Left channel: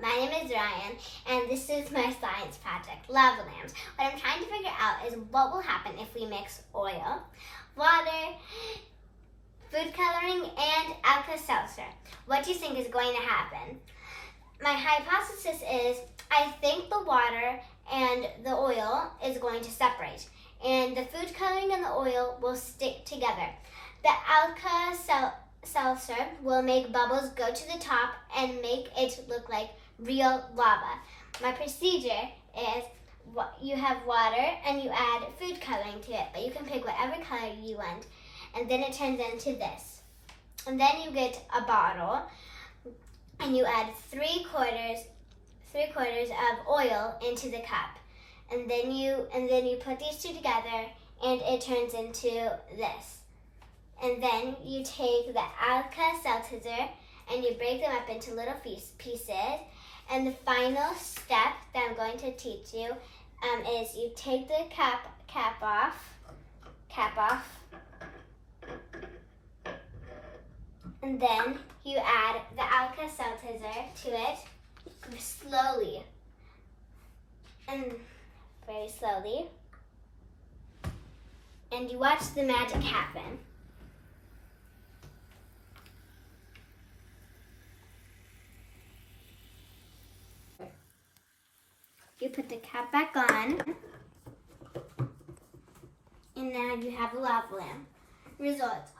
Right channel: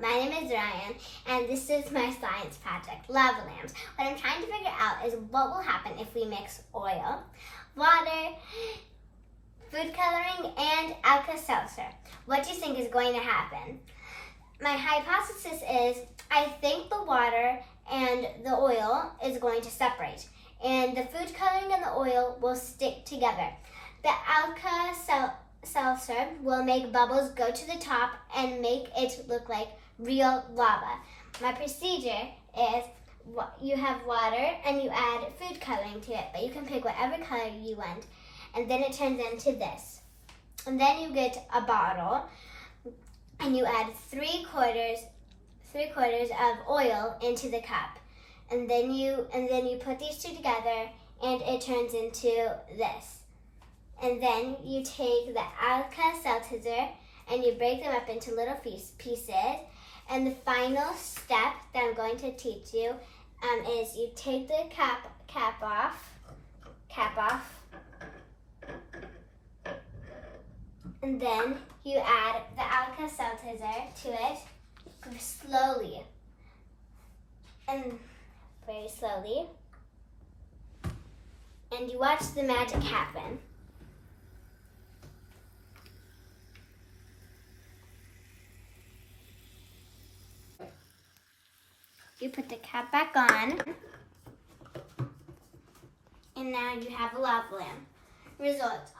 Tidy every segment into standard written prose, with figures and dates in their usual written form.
my name is Ryan, and this is my science project, lava lamps. What I'm trying to figure out is what will happen if we mix oil, water, food coloring, and Alka-Seltzer. What do you think is going to happen? My hypothesis is I think the water and the oil is going to separate, and the food coloring and the oil will stick together. The Alka-Seltzer will make bubbles go to the top and make it look like real lava. My procedure is you have water and you add food coloring to it, but you can pick whatever color you want, and then it turns into this. And then you get a bottle and you add three quarters of oil into the cup, and then you put these two together and it turns into this. And then you take the Alka-Seltzer and you break them up into little pieces. And the final step that I'm going to teach you is you take the cap off, and then you add the Alka-Seltzer to it slowly, and very slowly, and you watch the magic happen. You put the cap back on, and now you have a lava lamp. Results:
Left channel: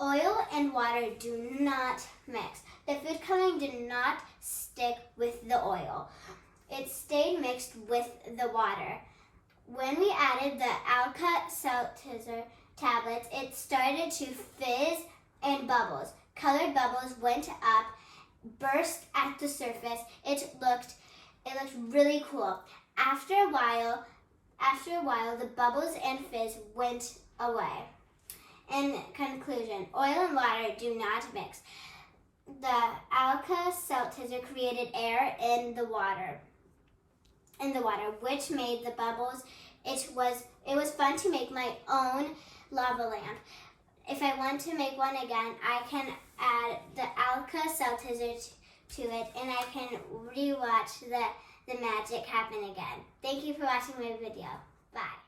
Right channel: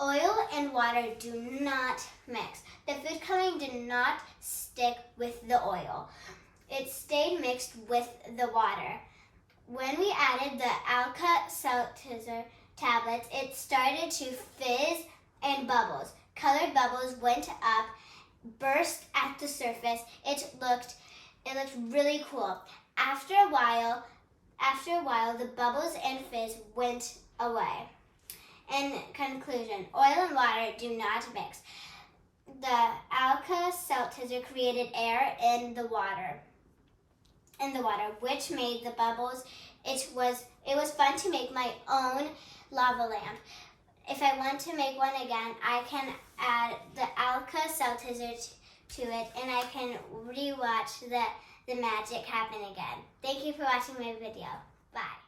oil and water do not mix. The food coloring did not stick with the oil. It stayed mixed with the water. When we added the Alka-Seltzer tablets, it started to fizz and bubbles. Colored bubbles went up, burst at the surface. It looked really cool. After a while, the bubbles and fizz went away. In conclusion, oil and water do not mix. The Alka-Seltzer created air in the water, which made the bubbles. It was fun to make my own lava lamp. If I want to make one again, I can add the Alka-Seltzer to it, and I can rewatch the magic happen again. Thank you for watching my video. Bye.